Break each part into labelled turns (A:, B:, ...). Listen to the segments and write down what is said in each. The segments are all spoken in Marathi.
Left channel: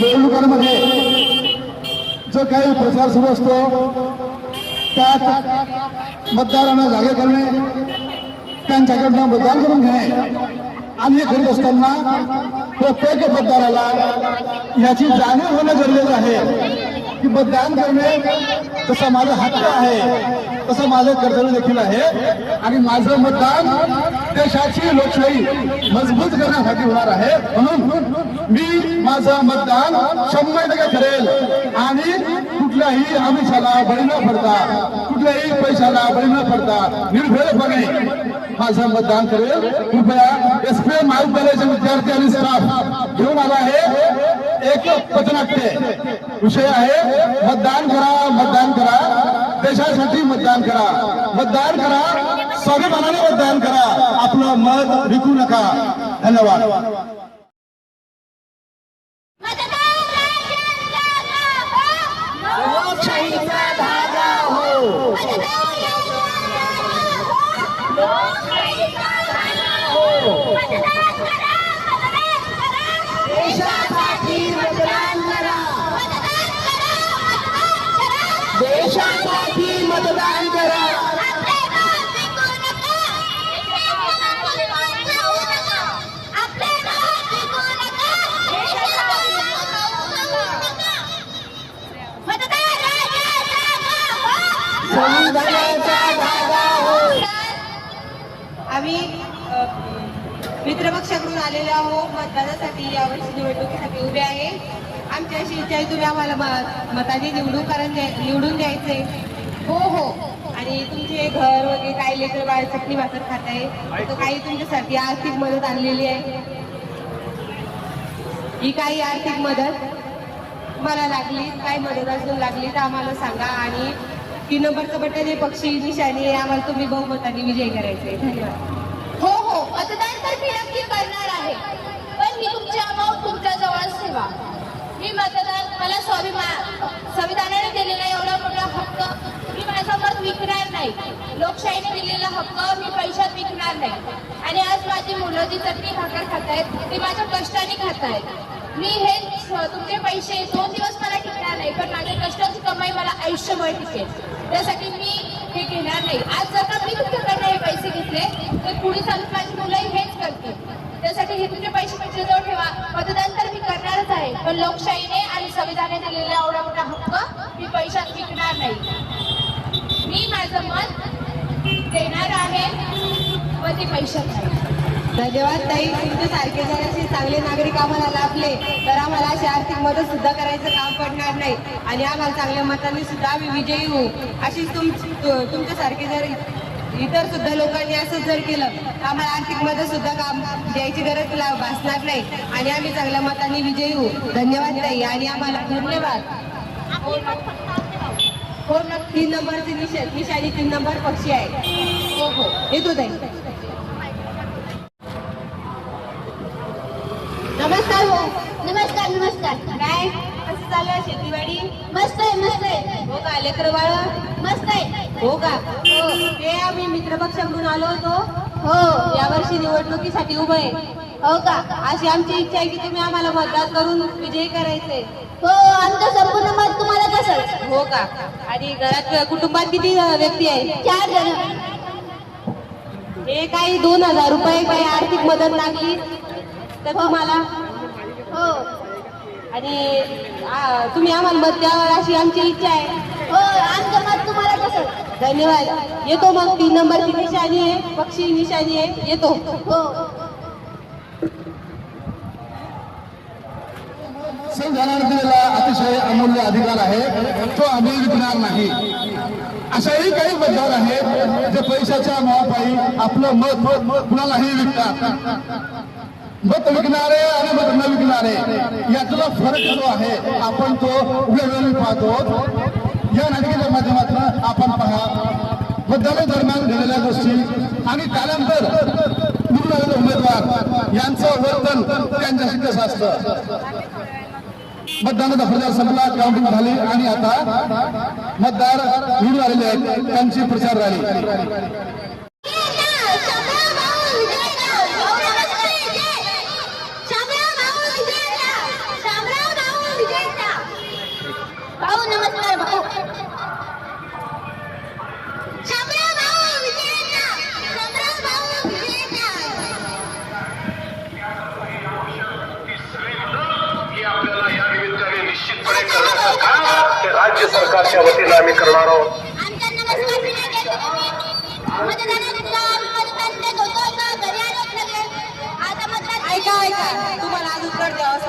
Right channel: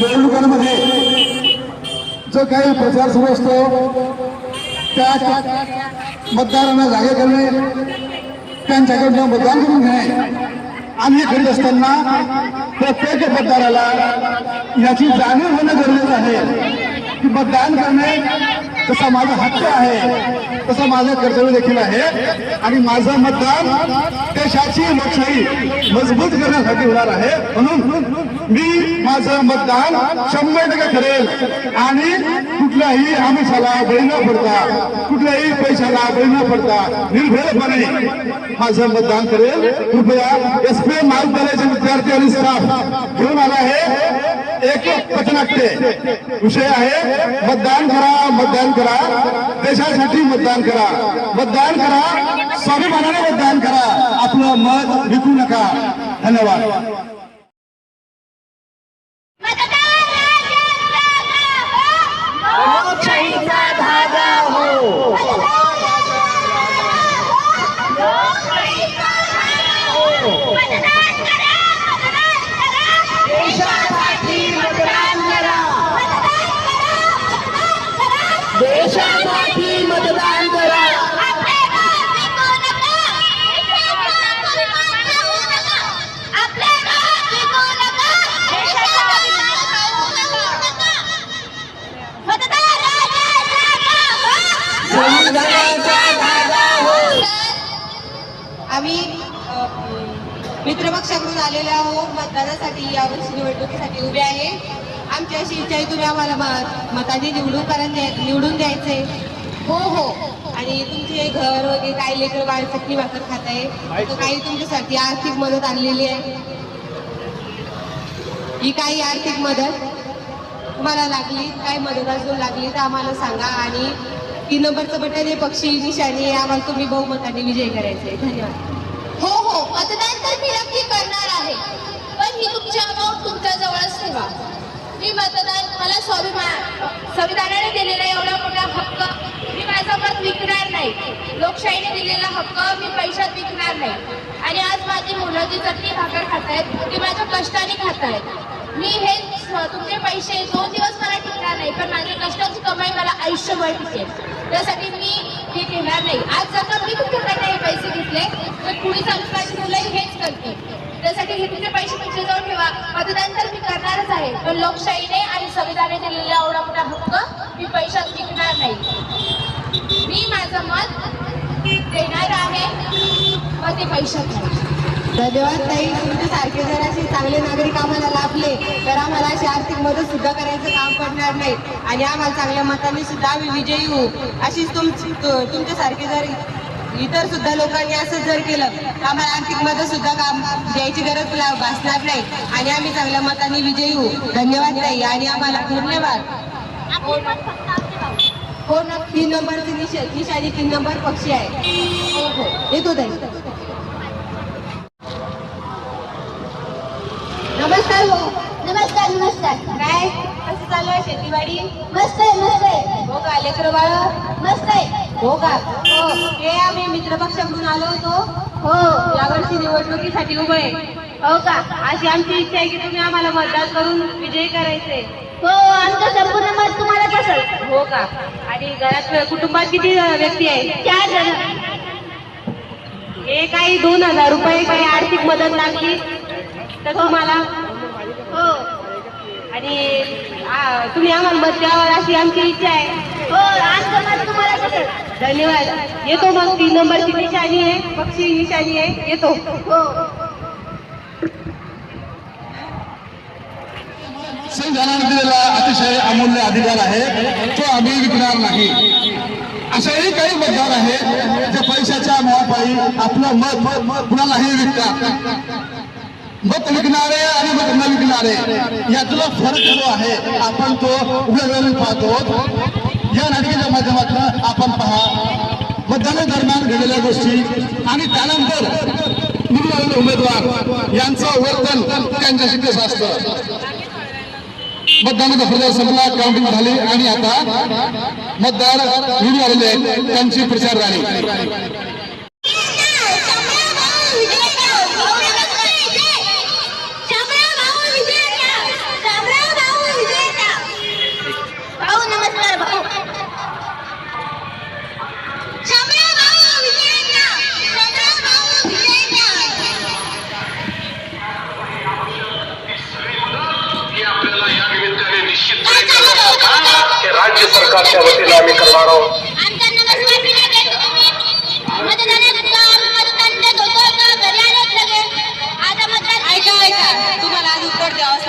A: निवडणुकांमध्ये जो काही प्रचार सुरू असतो त्या मतदारांना जागे करणे त्यांच्याकडनं मतदान करून घेणे. आणि करीत असताना प्रत्येक मतदाराला याची जाणीव होणं गरजेचं आहे की मतदान करणे तसा माझा हक्क आहे. तसं माझं कर्तव्य देखील आहे. आणि माझं मतदान देशाची लोकशाही मजबूत करण्यासाठी होणार आहे. म्हणून मी माझं मतदान शंभर टक्के करेल आणि कुठल्याही आमिषाला बळी न पडता कुठल्याही पैशाला बळी न पडता निर्भयपणे माझं मतदान करेल. कृपया एस पी एम महाविद्यालयाचे विद्यार्थी आणि स्टाफ घेऊन आला आहे. एक पथनाट्य विषय आहे मतदान करा मतदान करा. देशासाठी मतदान करा. मतदान करा. स्वाभिमानाने मतदान करा. आपलं मत विकू नका. धन्यवाद
B: लोकशाहीचा धागा हो देशासाठी मतदान करा देशासाठी मतदान करा संविधानाचा धागा हो
C: आम्ही अ, मित्रपक्षाकडून आलेलो आहो मतदानासाठी यावर्षी निवडणुकीसाठी उभे आहे. आमच्याशी इच्छा आहे तुम्ही आम्हाला म- मताने निवडून कारण निवडून द्यायचे. हो हो. आणि तुमचे घर वगैरे काही लेकर बाळ चटणी भाकर खात आहे. तर काही तुमच्यासाठी आर्थिक मदत आणलेली आहे. ही काही आर्थिक मदत मला लागली काय मदत अजून लागली तर आम्हाला सांगा. आणि तीन नंबरचं बटन हे पक्षी निशाणी आम्हाला तुम्ही बहुमताने विजय करायचे. धन्यवाद.
D: हो हो. मतदान तर मी नक्की करणार आहे. पण ही तुमची अमाऊंट तुमच्या जवळच ठेवा. मी मतदान मला स्वाभिमान संविधानाने दिलेला एवढा मोठा हक्क मी माझा मत विकणार नाही. लोकशाहीने दिलेला हक्क मी पैशात विकणार नाही. आणि आज माझी मुलं जी चटणी भाकर खात आहेत ती माझ्या कष्टाने खात आहेत मी हे तुमचे पैसे दोन दिवस मला टिकणार नाही पण माझ्या कष्टाची कमाई मला आयुष्यभर टिकेल. त्यासाठी मी हे घेणार नाही. आज जर का मी तुमच्याकडनं हे पैसे घेतले तर पुढे चालून माझी मुलंही हेच करते त्यासाठी हे तुझे पैसे तुमच्याजवळ ठेवा. मतदान तर मी करणारच आहे. पण लोकशाहीने आणि संविधाने दिलेला एवढा मोठा हक्क मी पैशात विकणार नाही. मी माझं मत देणार आहे. मग ते पैशात
C: धन्यवाद ताई. तुमच्यासारखे जर असे चांगले नागरिक आम्हाला लाभले तर आम्हाला अशी आर्थिक मदत सुद्धा करायचं काम पडणार नाही. आणि आम्हाला चांगल्या मताने सुद्धा आम्ही विजयी होऊ. अशीच तुमची तुमच्यासारखे जर इतर सुद्धा लोकांनी असं जर केलं तर आम्हाला आर्थिक मदत सुद्धा काम द्यायची गरज भासणार नाही. आणि आम्ही चांगल्या मताने विजयी होऊ. धन्यवाद ताई. आणि आम्हाला धन्यवाद. हो ना तीन नंबरची निशा निशाणी तीन नंबर पक्षी आहे. हो हो. येतो नमस्कार हो.
D: नमस्कार नमस्कार.
C: काय? कसं चालू आहे शेतीवाडी?
D: मस्त आहे मस्त आहे.
C: हो का? लेकर बाळ?
D: मस्त आहे.
C: हो का? हो. ते आम्ही मित्रपक्षाकडून आलो होतो.
D: हो.
C: यावर्षी निवडणुकीसाठी उभं आहे.
D: हो का?
C: अशी आमची इच्छा आहे की तुम्ही आम्हाला मतदान करून विजयी करायचे.
D: हो आमचं संपूर्ण मत तुम्हाला कसं
C: हो का? आणि घरात कुटुंबात किती व्यक्ती आहे
D: चार जण.
C: हे काही दोन हजार रुपये काही आर्थिक मदत लागली तर तुम्हाला?
D: हो.
C: आणि तुम्ही आम्हाला मत द्यावं अशी आमची इच्छा आहे.
D: हो आमचं मत तुम्हाला कसं?
C: धन्यवाद. येतो मग तीन नंबरची निशाणी आहे पक्षी निशाणी आहे येतो.
D: हो.
A: संविधानाने दिलेला अतिशय अमूल्य अधिकार आहे. तो आम्ही विकणार नाही. अशाही काही मतदार आहेत जे पैशाच्या नावापायी आपलं मत मत कुणालाही विकतात मत विकणारे आणि मत न विकणारे यातला फरक जो आहे आपण तो डोळ्याने पाहतो. या नाटकाच्या माध्यमातून आपण पहा मतदानादरम्यान घडलेल्या गोष्टी आणि त्यानंतर निवडलेले उमेदवार यांचं वर्तन त्यांच्याशी कसं असतं? मतदानाचा प्रचार संपला काउंटिंग झाली आणि आता मतदार निवडून आलेले आहेत त्यांची प्रचार रॅली.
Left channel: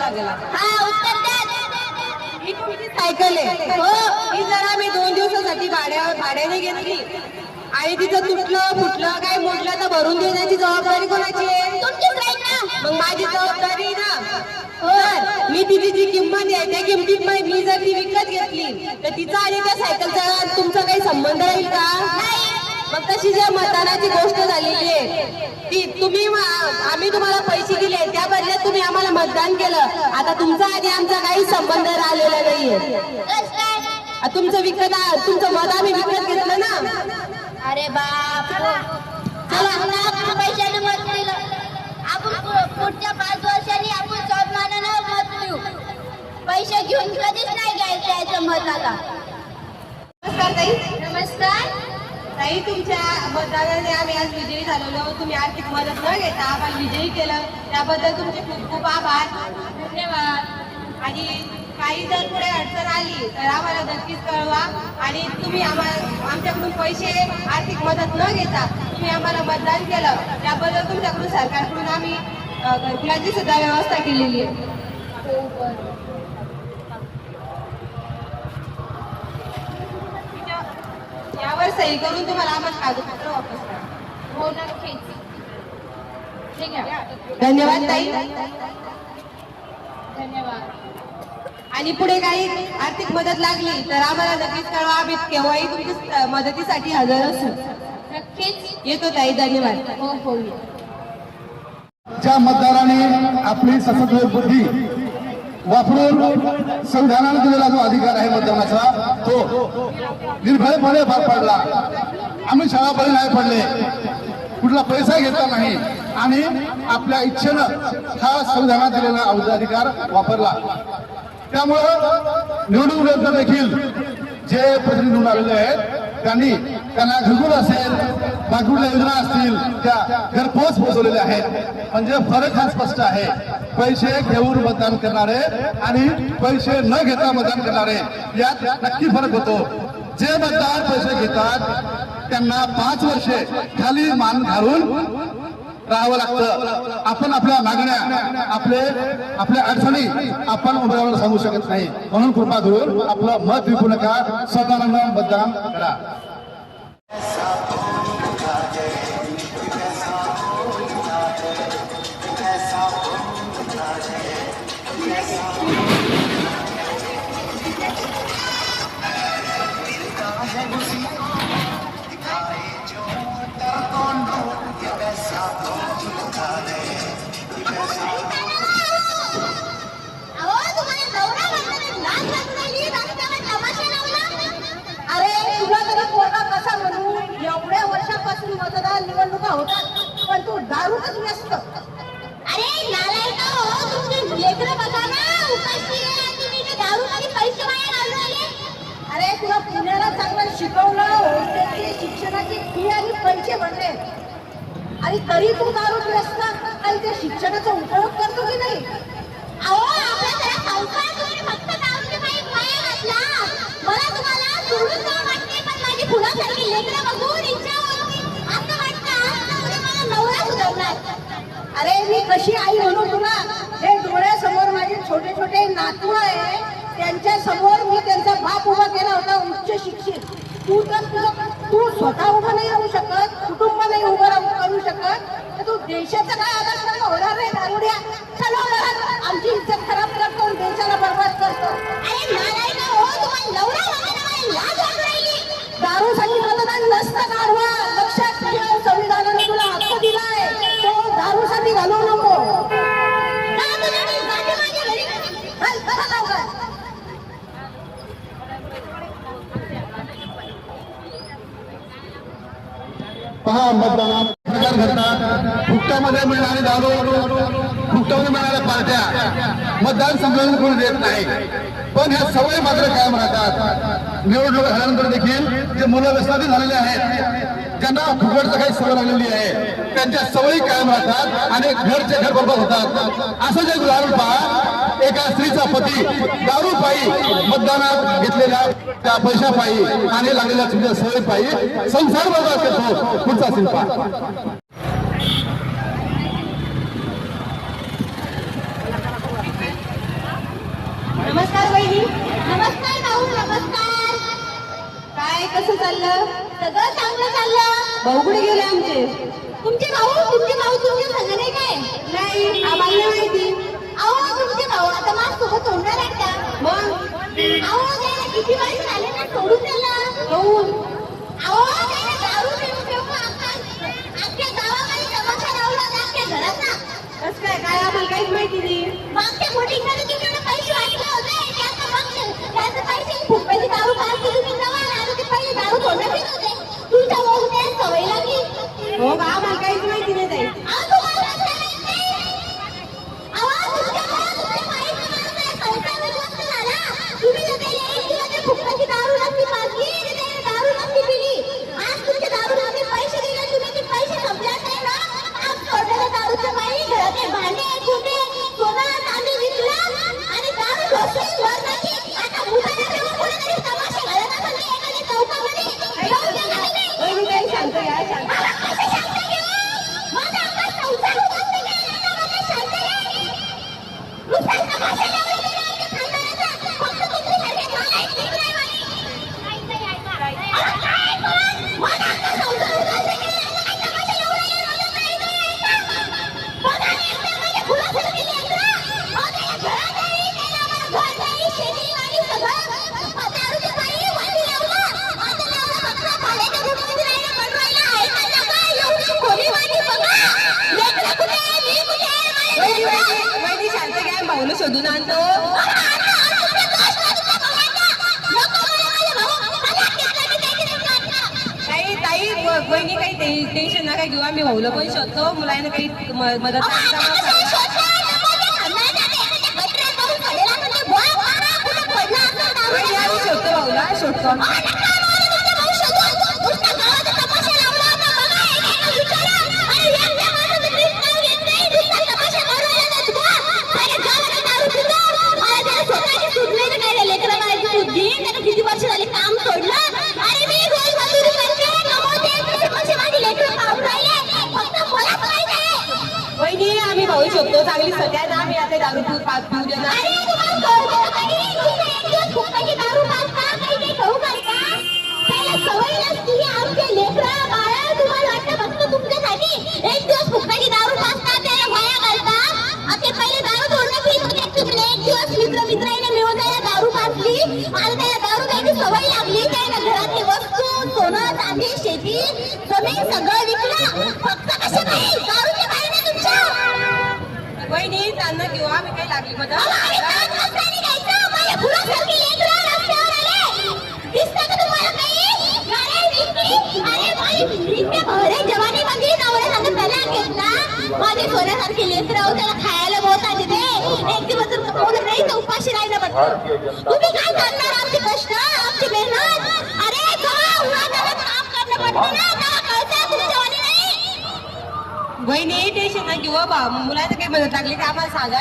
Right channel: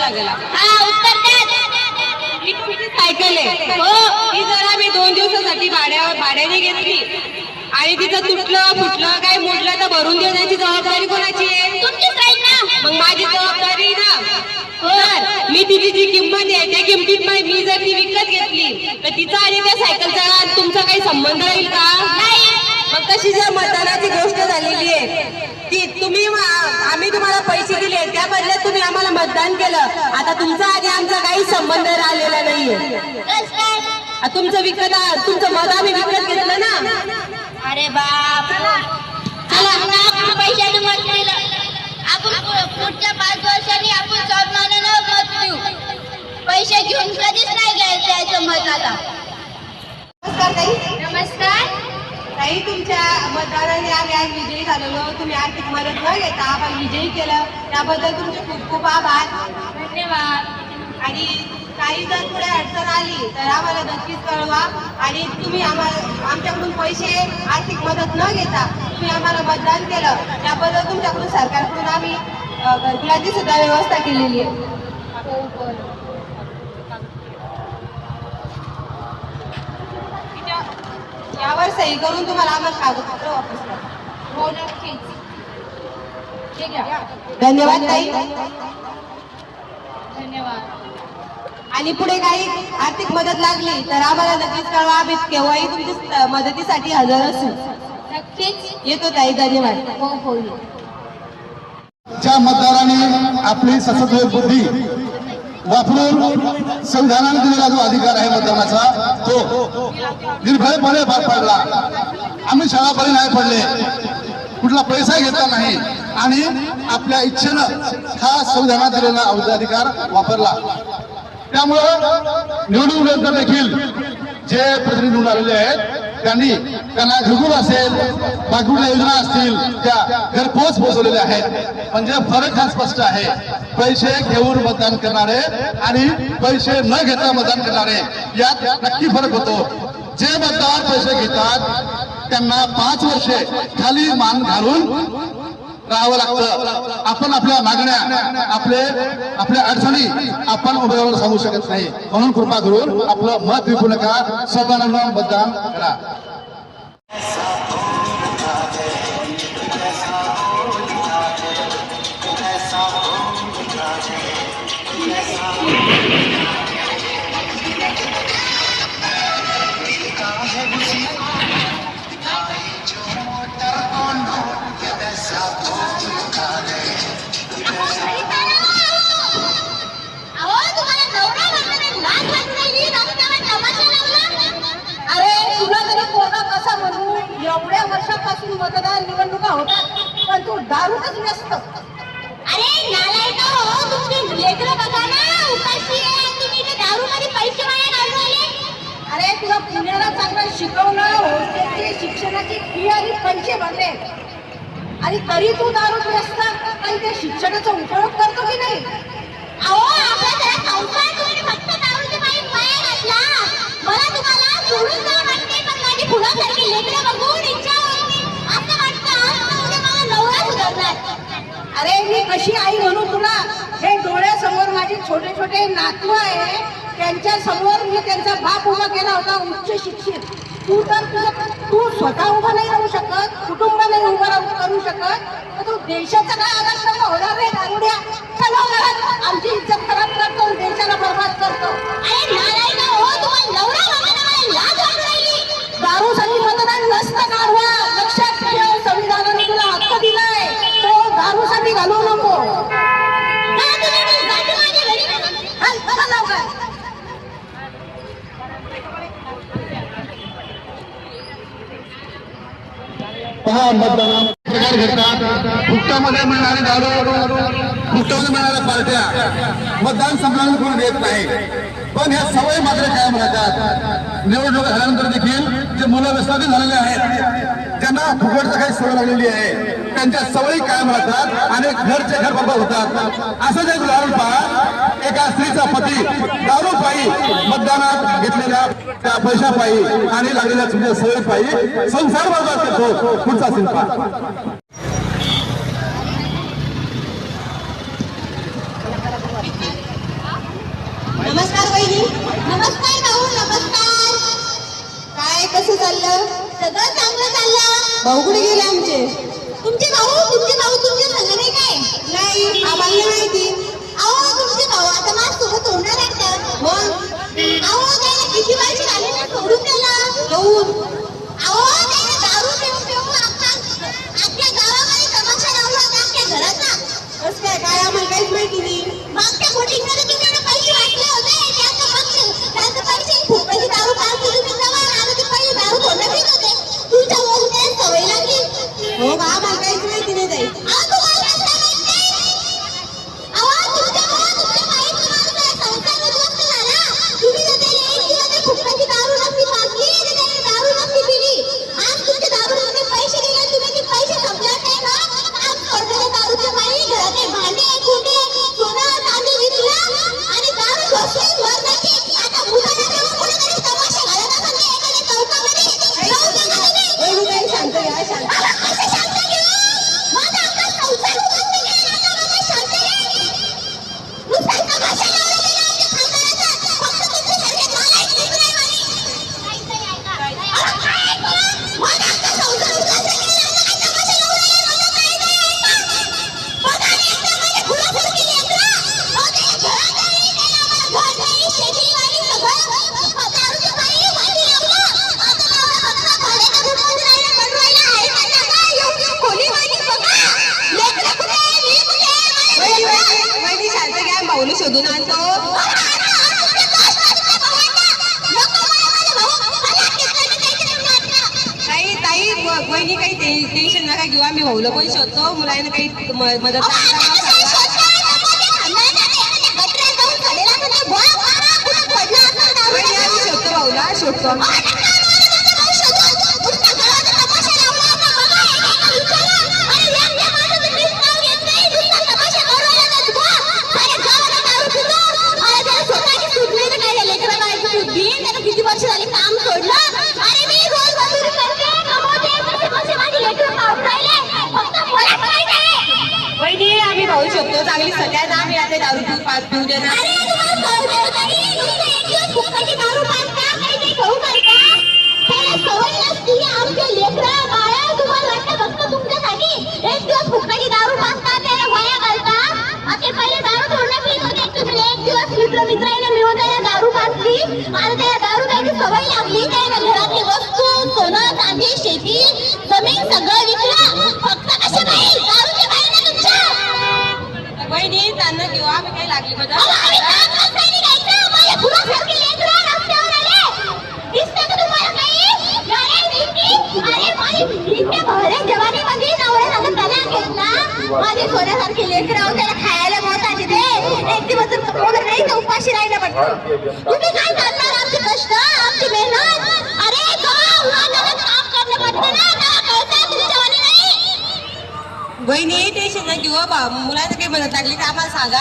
C: लागेल
B: हा उत्तर द्या
C: ही तुमची सायकल आहे हो ही जर आम्ही दोन दिवसासाठी भाड्यावर भाड्याने घेतली आणि तिचं तुटलं फुटलं काय मोडलं तर भरून देण्याची जबाबदारी कोणाची आहे
B: तुमचीच आहे ना
C: मग माझी जबाबदारी ना तिची जी किंमत आहे त्या किमतीत मा- जर ती विकत घेतली तर तिचा आणि त्या सायकलचा तुमचा काही संबंध राहील का? मग तशी जर मतदानाची गोष्ट झालेली आहे की तुम्ही आम्ही तुम्हाला पैसे दिले त्या बदल्यात तुम्ही आम्हाला मतदान केलं आता तुमचा आणि आमचा काही संबंध राहिलेला आ, तुमचं विकत तुमचं मत आम्ही विकत घेतलं ना?
B: अरे बाप. चला आपण पैशाने मत दिलं आपण पुढच्या पाच वर्षांनी आपण मत देऊ पैसे घेऊन कधीच नाही घ्यायचं त्याचं मत आता
C: नमस्कार. ताई
B: नमस्कार
C: ताई तुमच्या मतदानाने आम्ही आज विजयी झालेलो. तुम्ही आर्थिक मदत न घेता आम्हाला विजयी केलं. त्याबद्दल तुमचे खूप खूप आभार. धन्यवाद. आणि काही जर पुढे अडचण आली तर आम्हाला नक्कीच कळवा. आणि तुम्ही आम्हाला आमच्याकडून पैसे आर्थिक मदत न घेता तुम्ही आम्हाला मतदान केलं. त्याबद्दल तुमच्याकडून सरकारकडून आम्ही घरकुलाची सुद्धा व्यवस्था केलेली आहे. यावर सही करून तुम्हाला आम्हाला कागदपत्र वापस करा.
B: हो नक्कीच. ठीक आहे.
C: धन्यवाद ताई.
B: धन्यवाद.
C: आणि पुढे काही आर्थिक मदत लागली तर आम्हाला नक्कीच कळवा. आम्ही केव्हाही तुमच्या मदतीसाठी हजर असू.
B: नक्कीच.
C: येतो ताई. धन्यवाद.
B: हो हो.
A: ज्या मतदाराने आपली सशस्त्र बुद्धी वापरून संविधानाने दिलेला जो अधिकार आहे मतदानाचा तो निर्भयपणे पार पाडला. आम्ही शाळापणे नाही पडले. कुठला पैसा घेतला नाही. आणि आपल्या इच्छेनं हा संविधानात दिलेला अधिकार वापरला. त्यामुळं निवडणूक देखील जे प्रतिनिधी आलेले आहेत त्यांनी त्यांना घरगुत असेल बाकीच्या योजना असतील त्या घरपोच पोहोचवलेल्या आहेत. म्हणजे फरक हा स्पष्ट आहे. पैसे घेऊन मतदान करणारे आणि पैसे न घेता मतदान करणारे यात नक्की फरक होतो. जे मतदार पैसे घेतात त्यांना पाच वर्षे खाली मान घालून राहावं लागतं. आपण आपल्या मागण्या आपले आपल्या अडचणी आपण उमेदवाराला सांगू शकत नाही. म्हणून कृपा करून आपलं मत विकू नका स्वतःनं मतदान करा.
C: मतदार निवडणुका होतात पण तू दारूच नसतं
B: अरे नालायक हो तुमची लेकरं बघा ना उपाशी आहे आणि तुम्ही इथे दारूमध्ये पैसे वाया घालवले
C: अरे तुला पुण्याला चांगलं शिकवलं हॉस्टेलची शिक्षणाची फी आणि पैसे भरले. आणि तरी तू दारू व्यस्त काही त्या शिक्षणाचा उपयोग करतो की नाही?
B: अहो आपला जरा संसार तुम्ही फक्त दारूचे पायी वाया घातला. मला तुम्हाला सोडून जावं वाटते पण माझी फुलासारखी लेकरं बघून
C: अरे मी कशी आई म्हणू तुला? हे डोळ्यासमोर माझे छोटे छोटे नातू आहे. त्यांच्यासमोर मी त्यांचा बाप उभा केला होता उच्च शिक्षित. तू तर तू स्वतः उभा नाही राहू शकत कुटुंब नाही उभं राहू करू शकत. तर तू देशाचा काय आधार सर्व होणार नाही दारुड्या. चला आमची इज्जत खराब करतो आणि देशाला बरबाद करतो.
B: अरे
A: प्रकार घडतात फुकटामध्ये मिळणारे दारू फुकटामध्ये मिळणाऱ्या पार्ट्या मतदान संपवून कोण देत नाही. पण ह्या सवयी मात्र कायम राहतात. निवडणूक झाल्यानंतर देखील जे मुलं व्यसनाधी झालेले आहेत त्यांना फुकटचं काही सवय लागलेली आहे. त्यांच्या सवयी कायम राहतात आणि घरचे घर बरोबर होतात. असं जे उदाहरण पहा एका स्त्रीचा पती दारू पायी मतदानात घेतलेल्या त्या पैशा पायी आणि लागलेल्या तुझ्या सवयी पायी संसार बर्बाद करतो पुढचा शिल्पा.
C: नमस्कार
B: भाऊ नमस्कार.
C: काय कसं चाललं?
B: सगळं चांगलं चाललं.
C: भाऊ कुठे गेले आमचे?
B: तुमचे भाऊ तुमचे भाऊ तुमच्या संग नाही काय?
C: नाही आम्हाला नाही माहिती.
B: माझ्यासोबत होणार आहेत
C: मग
B: अहो त्याला किती वर्ष झाले ना सोडून त्याला.
C: कहून
B: अहो त्याने दारू पिऊन पिऊन अख्खा अख्ख्या गावामध्ये तमाशा लावला होता अख्ख्या घरात ना
C: कसं काय काय आम्हाला काहीच माहिती नाही.
B: मागच्या मोठींमध्ये तुम्ही एवढे पैसे वाटले होते? त्याचं पक्ष त्यांचे पैसे फुटाची दारू पाजली तुम्ही जवळ आणि ते पहिले दारू तोंडात येत होते. तुमच्या त्या सवय लागली
C: हो का?
B: दारू घोषून वर जाते. आता मुलांना जेव्हा कुणीतरी तमाशा घालत असेल ना एखाद्या चौकामध्ये, जाऊ द्या का तुम्ही?
C: वहिनी काय शांत घ्या शांत
B: अहो, कसं शांत घेऊ? माझा अख्खा संसार उद्ध्वस्त केला ना, म्हणजे शांत घ्या. नुसतं तमाशा लावला गेला आमच्या खानदानाचा. फक्त तुमच्यासारखे नालायक लेकरं आहे म्हणे. अहो, काय ऐकू? माझा अख्खा संसार उद्ध्वस्त केला ना, काय तमाशा लावला गेला ना, काय नाही ऐका. बघा ना, एकदा माझ्या खुरासारखी लेकरं. अहो, ते घरात आली, त्याला आम्हाला घरात आली, शेतीवाडी सगळं. दारूच्या पायी वाटी लावलं. आता लावलं फक्त भाड्याच्या घरामध्ये राहायला, पण राहायला आहे का जागा? एवढी खोलीवाडी बघा. लेकरं कुठे आहे? मी कुठे आहे? मला
C: वहिनी
B: लेकरं.
C: वहिनी वहिनी शांत घ्या भाऊला शोधून आणतो ताई ताई व- वहिनी काही टे- टेन्शन नका घेऊ आम्ही होतो. मुलांना काही मदत करताना सांगा. वहिनी आम्ही शोधतो भाऊला शोधतो आम्ही.
B: किती वर्ष झाली काम सोडलं आणि मी रोज मजुरी करते कमवते पैसे पैसे माझी लेकरं पाहून राहिले फक्त मला काय नाही
C: वहिनी आम्ही भाऊ शोधतो चांगली सगळ्या ना आम्ही आता दारू पिऊ पाच पिऊ दे ना
B: अरे तुम्हाला कळते होतं की नुसतं एक दिवस फुकटाची दारू पाजता, काही नाही खाऊ घालता. त्याला सवय नसती, आमचे लेकरं, बाळं, तुम्हाला वाटतं फक्त तुमच्यासाठी एक दिवस फुकटाची दारू पाजता, त्याला वाया घालता. अ, ते पहिले दारू तोडणं पीत होते. तुम्ही एक दिवस मित्र मित्राने मिळून त्याला दारू पाजली आणि चांगली दारू प्यायची सवय लागली. त्याला घरातली वस्तू शेती जमीन सगळं विकलं. फक्त कशा नाही दारूच्या बाहेर ना तुमच्या
C: आम्ही काही लागली
B: माझ्या सोन्यासारखी त्याला खायला मोताची दे. एक दिवस नाही उपाशी राहिलं म्हटलं. तुम्ही काय करणार आमचे कष्ट, आमची मेहनत? अरे, जेव्हा उन्हातान्हात काम करणं पडतं ना, तेव्हा कळतं तुझी जवानी नाही.
C: वहिनी टेन्शन न घेऊ बा. मुलांना काही मदत लागली का आम्हाला सांगा.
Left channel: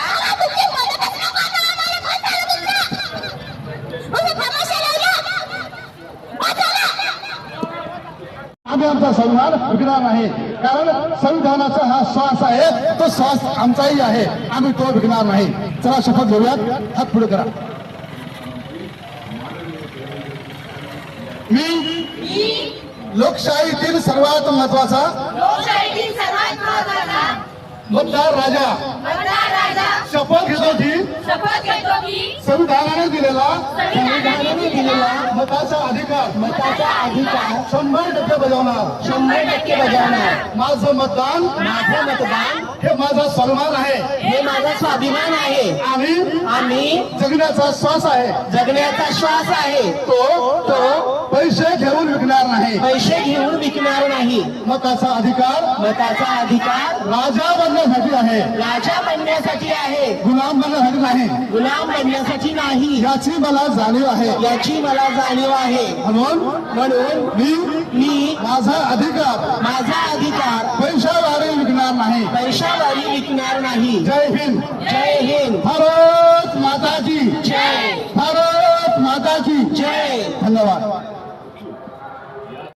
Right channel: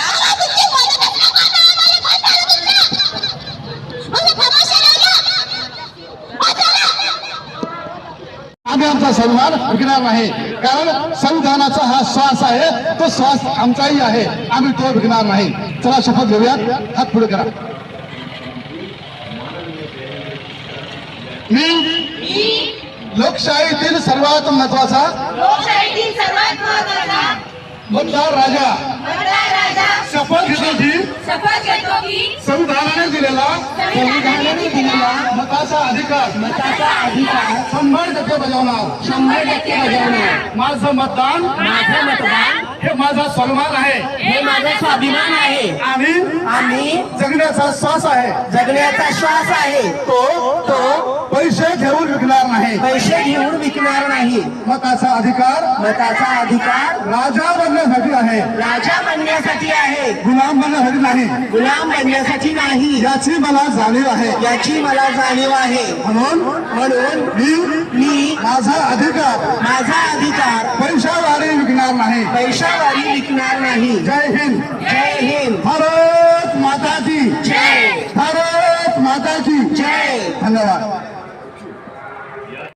A: आम्ही आमचा सन्मान विकणार नाही. कारण संविधानाचा हा श्वास आहे तो श्वास आमचाही आहे. आम्ही तो विकणार नाही. चला शपथ घेऊयात. हात पुढे करा. मी लोकशाहीतील सर्वात महत्त्वाचा
B: लोकशाहीतील सर्वात
A: महत्त्वाचा
B: मतदार राजा.
A: शपथ घेतो की?
B: शपथ घेतो की?
A: संविधानाने दिलेला
B: संविधानाने दिलेला
A: मताचा अधिकार.
B: मताचा अधिकार.
A: शंभर टक्के बजावणार.
B: शंभर टक्के बजावणार.
A: माझं मतदान
E: माझं मतदान.
A: हे माझा सन्मान आहे.
E: हे माझा स्वाभिमान आहे.
A: आणि
E: आणि
A: जगण्याचा श्वास आहे.
E: जगण्याचा श्वास आहे. तो तो
A: पैसे घेऊन विकणार नाही.
E: पैसे घेऊन विकणार नाही.
A: मताचा अधिकार
E: मताचा अधिकार
A: राजा बनण्यासाठी आहे.
E: राजा बनण्यासाठी आहे.
A: गुलाम बनण्यासाठी नाही.
E: गुलाम बनण्यासाठी नाही.
A: याची मला जाणीव आहे.
E: याची मला जाणीव आहे.
A: म्हणून
E: म्हणून
A: मी
E: मी
A: माझा अधिकार
E: माझा अधिकार
A: पैशाद्वारे विकणार नाही.
E: पैशावारी विकणार नाही.
A: जय हिंद.
E: जय हिंद.
A: भारत माता की की
E: जय.
A: भारत माता की
E: जय.
A: धन्यवाद.